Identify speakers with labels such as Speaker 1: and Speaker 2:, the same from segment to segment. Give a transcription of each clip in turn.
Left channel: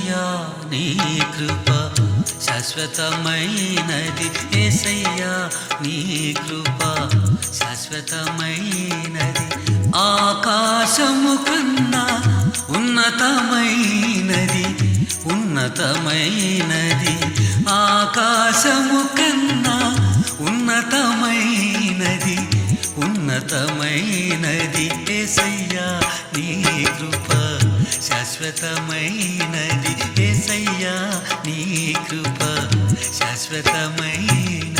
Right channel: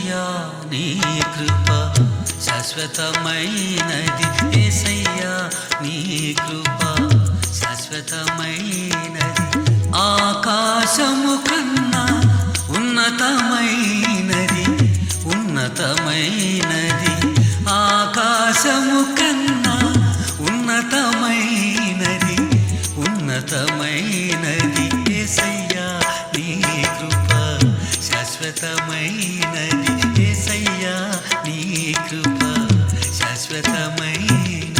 Speaker 1: ఏసయ్యా నీ కృప శాశ్వతమైనది. ఏసయ్యా నీ కృప శాశ్వతమైనది. ఆకాశము కన్నా ఉన్నతమైనది ఉన్నతమైనది. ఆకాశము కన్నా ఉన్నతమైనది. ఉన్నతమైనది ఏసయ్యా నీ కృప. శాశ్వతమైనది ఏసయ్యా నీ కృప. శాశ్వతమైన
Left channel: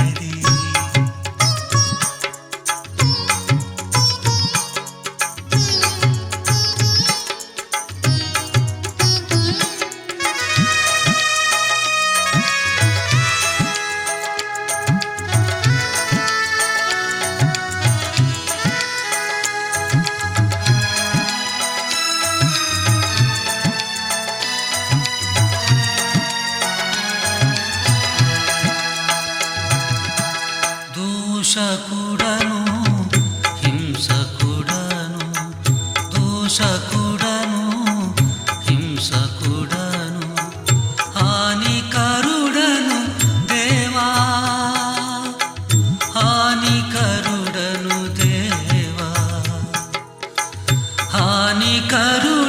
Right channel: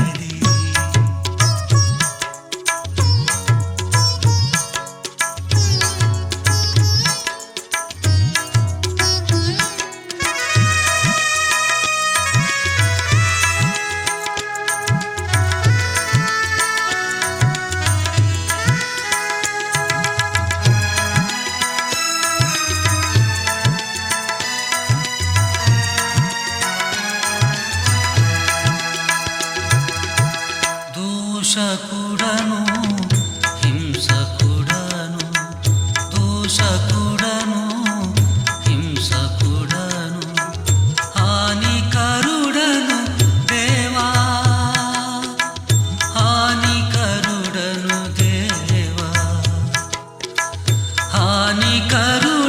Speaker 1: దూషకుడను హింసకుడను దూషకుడను హింసకుడను హానికరుడను దేవా హానికరుడను దేవా. హానికరుడను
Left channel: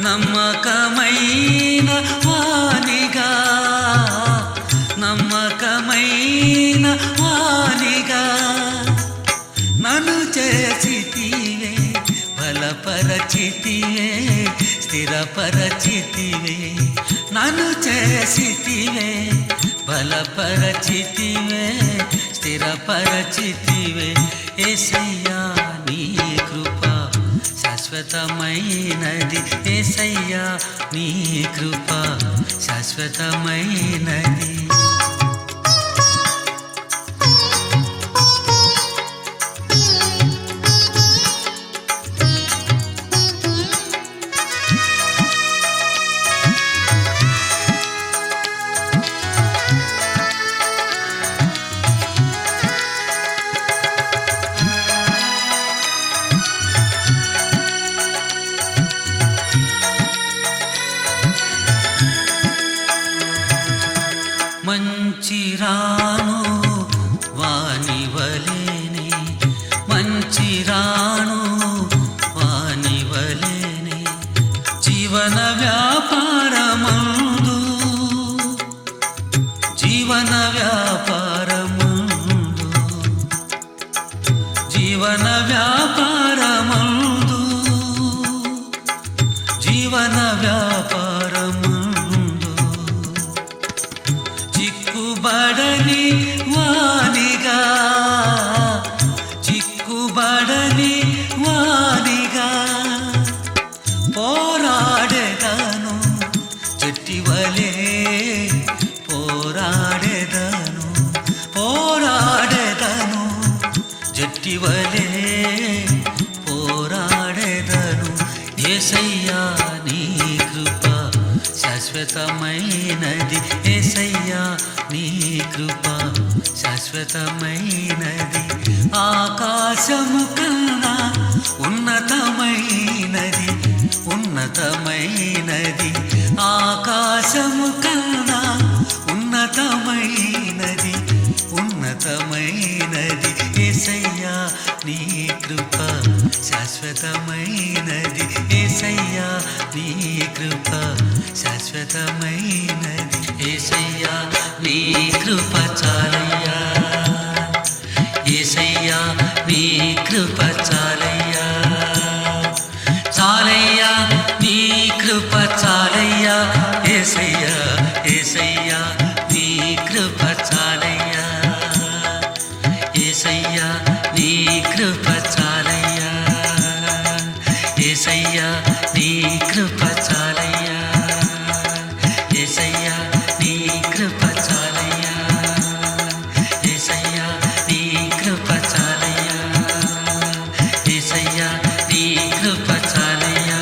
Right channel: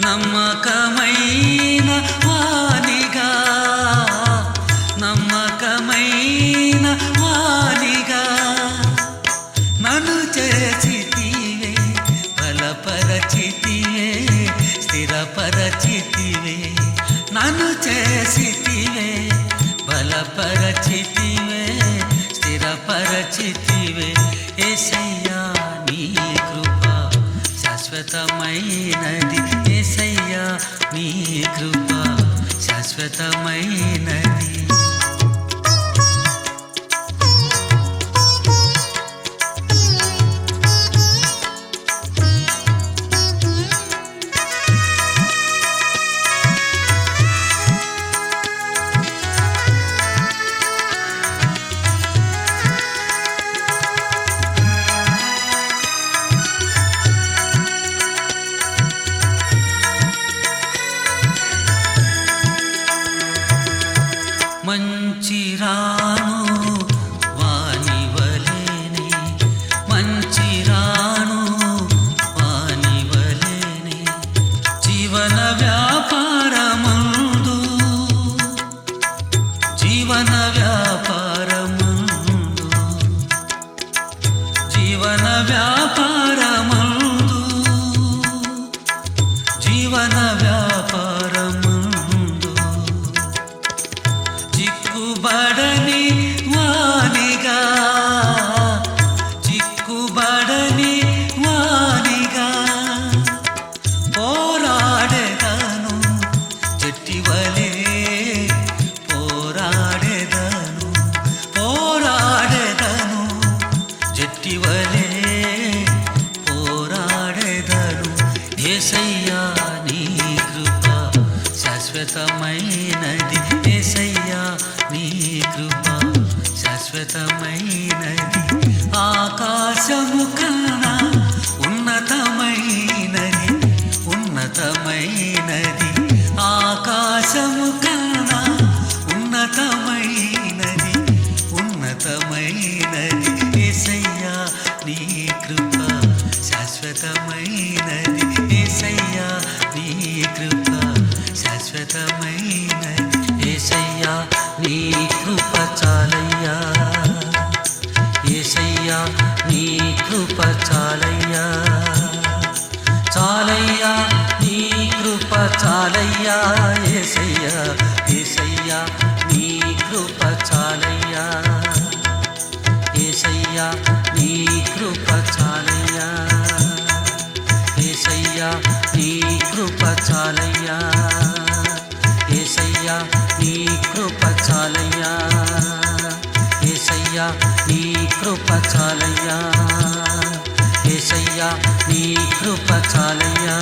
Speaker 1: నమ్మకమైన వానిగా నమ్మకమైన వానిగా నన్ను చేసితివే బలపరచితివే స్థిరపరచితివే. నన్ను చేసితివే బలపరచితివే స్థిరపరచితివే. ఏసయ్యా నీ కృపా శాశ్వతమైనది ఏసయ్యా నీ కృప శాశ్వతమైనది మంచి రాను వాని వలేనే మంచి రాను వాని వలేనే జీవన వ్యాపారమందు జీవన వ్యాపారమందు జీవన వ్యాపారమందు జీవన వ్యాపారమందు చిక్కుబడని వానిగా చిక్కుబడని వానిగా పోరాడేదాను చెట్టివలే పోరాడేదాను పోరాడేదాను జట్టివలే పోరాడేదను. ఏసై శాశ్వతమైనది. ఏసయ్యా నీ కృప శాశ్వతమైనది. ఆకాశము కన్నా ఉన్నతమైనది ఉన్నతమైనది. ఆకాశము కన్నా ఉన్నతమైనది. ఉన్నతమైనది ఏసయ్యా నీ కృప శాశ్వతమైనది ఏసయ్యా నీ కృప శాశ్వతమైనది ఏసయ్యా నీ కృప చాలయ్యా ఏసయ్యా నీ కృప చాలయ్యా చాలయ్యా నీ కృప చాలయ్యా ఏసయ్యా ఏసయ్యా కృప చాలయ్యా ఏసయ్యా నీ కృప చాలయ్యా ఏసయ్యా నీ కృప చాలయ్యా ఏసయ్యా నీ కృప చాలయ్యా